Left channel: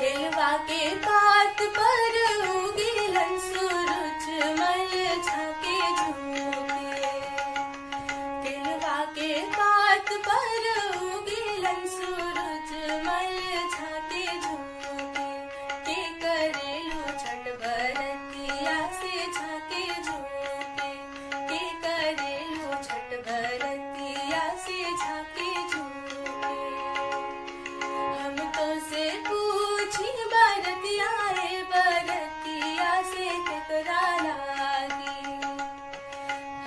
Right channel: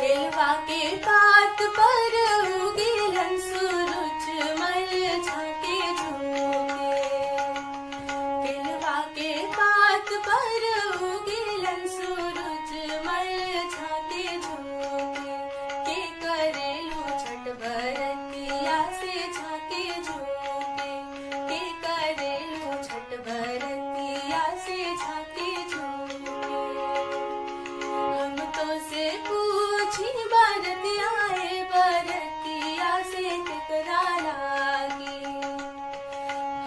केलवा के पात पर उगेलन सूरज मल झाके झुके। केलवा के पात पर उगेलन सूरज मल झाके झुके। के करेलू छठ बरतिया से झाके झुके। के करेलू छठ बरतिया से झाके झुके। हम तो से पूछी बरतिया बरतिया से केकरा लागी।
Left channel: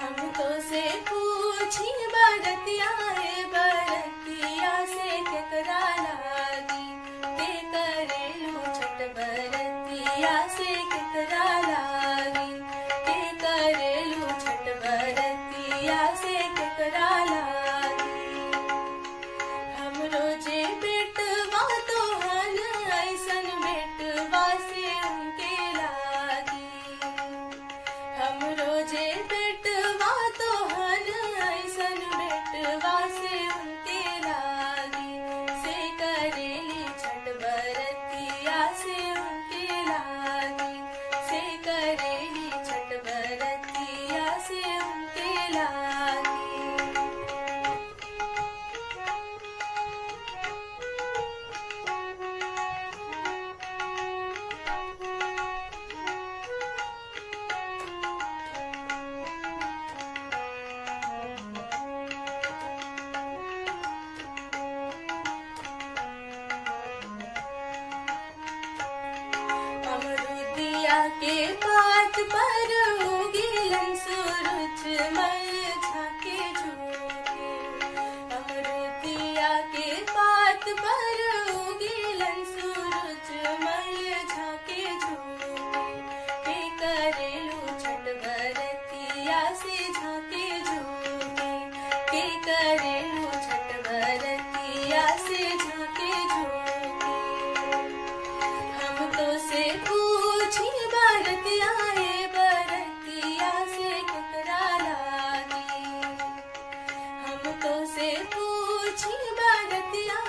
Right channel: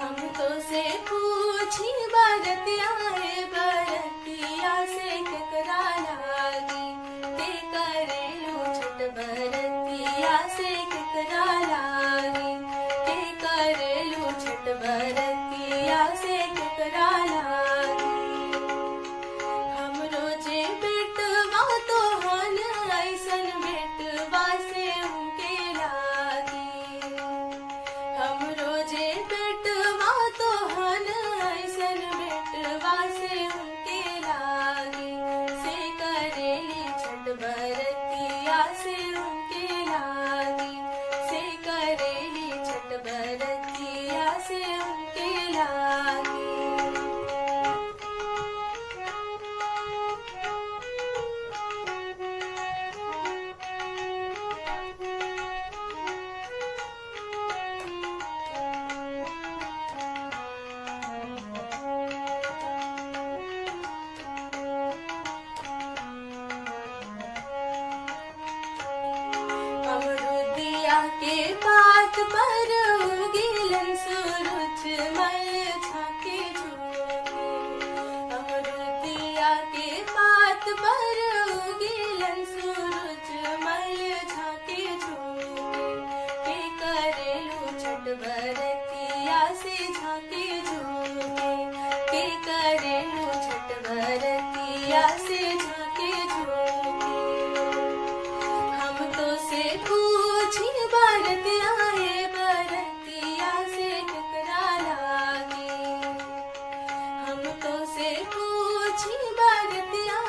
हम तो से पूछी बरतिया बरतिया से केकरा लागी। के करेलू छठ बरतिया से केकरा लागी। के करेलू छठ बरतिया से केकरा लागी। हम रोजे बेटवा तो हन ऐसन बेटवा से उनके लागी। हम रोजे बेटवा तो हन ऐसन बेटवा से उनके लागी। से करेली छठ बरतिया से उनके लागी। से करेली छठ बरतिया से उनके लागी। अमरुदिया के पात पर उगेलन सूरज मल झाके झुके। अमरुदिया के पात पर उगेलन सूरज मल झाके झुके। के करेलू छठ बरतिया से झाके झुके। के करेलू छठ बरतिया से झाके झुके। हम तो से पूछी बरतिया बरतिया से केकरा लागी। हम तो से पूछी बरतिया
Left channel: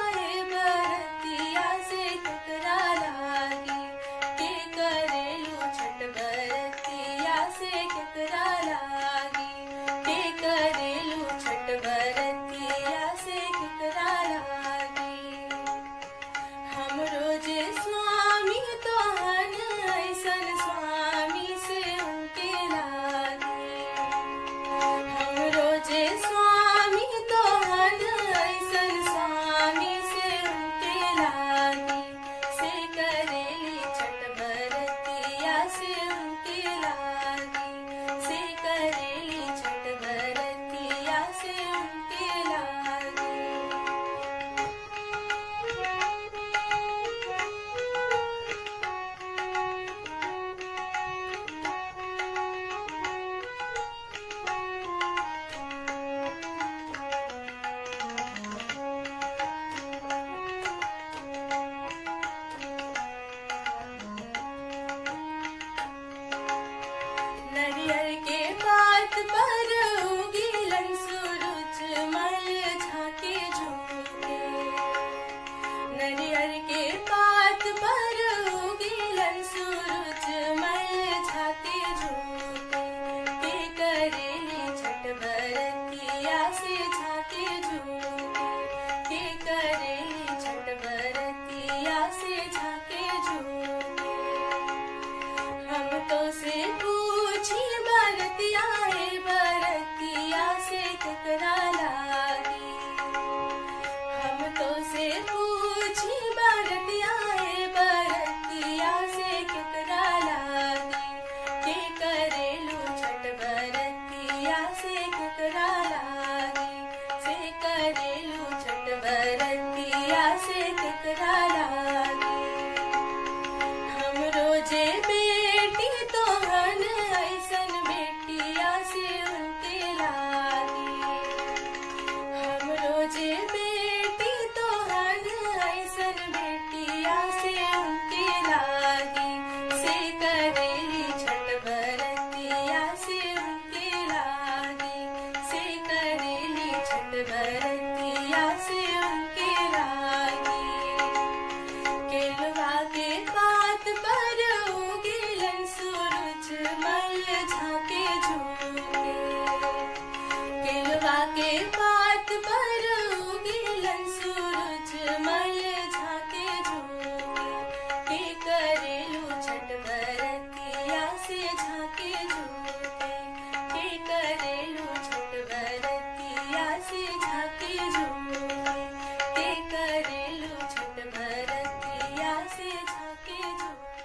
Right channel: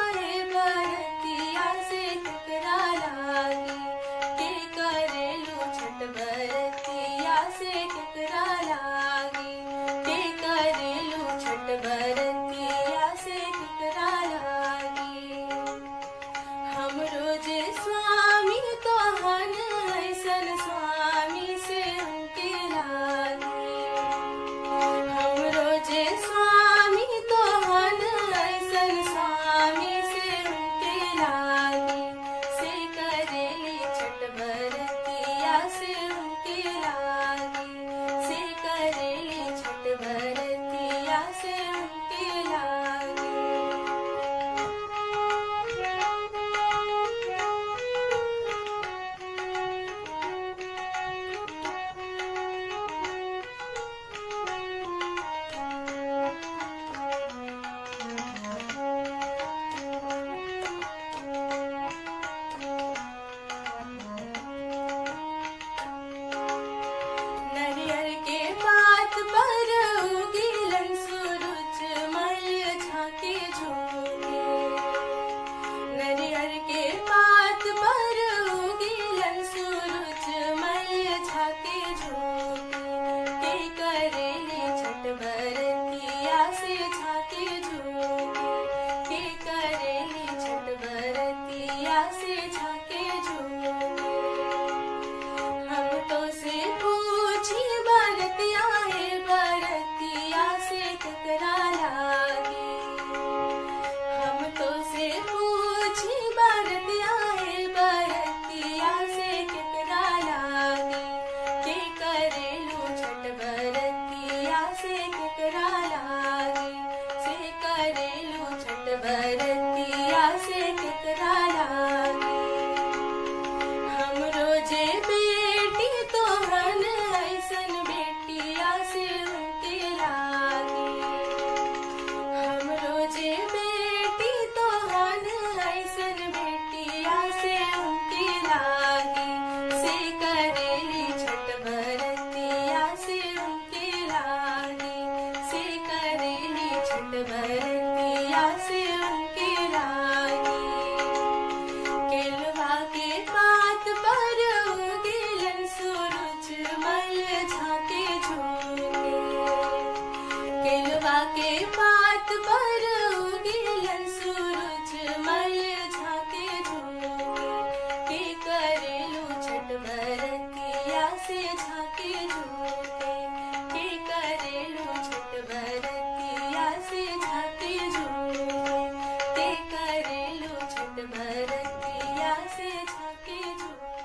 बरतिया से केकरा लागी। के करेलू छठ बरतिया से केकरा लागी। के करेलू छठ बरतिया से केकरा लागी। हम रोजे स्वामी तो हन ऐसन स्वामी से उनके लागी। हम रोजे स्वामी तो हन ऐसन स्वामी से उनके लागी। से करेली छठ बरतिया से उनके लागी। से करेली छठ बरतिया से उनके लागी। नरियर के पात पर उगेलन सूरज मल झाके झुके। नरियर के पात पर उगेलन सूरज मल झाके झुके। के करेली छठ बरतिया से झाके झुके। के करेली छठ बरतिया से झाके झुके। हम तो से पूछी बरतिया बरतिया से केकरा लागी। हम तो से पूछी बरतिया बरतिया से केकरा लागी। के करेलू छठ बरतिया से केकरा लागी। से करेलू छठ बरतिया से केकरा लागी। हम रोजे बेटी तो हन ऐसन बेटिया से उनके लागी। हम रोजे बेटी तो हन ऐसन बेटिया से उनके लागी। से करेली छठ बरतिया से उनके लागी। से करेली छठ बरतिया से उनके लागी। केलवा के पर उगेलन सूरज मल झाके झुके। केलवा के पात पर उगेलन सूरज मल झाके झुके। के करेलू छठ बरतिया से झाके झुके। के करेलू छठ बरतिया से झाके झुके। के करेलू छठ बरतिया से झाके झुके।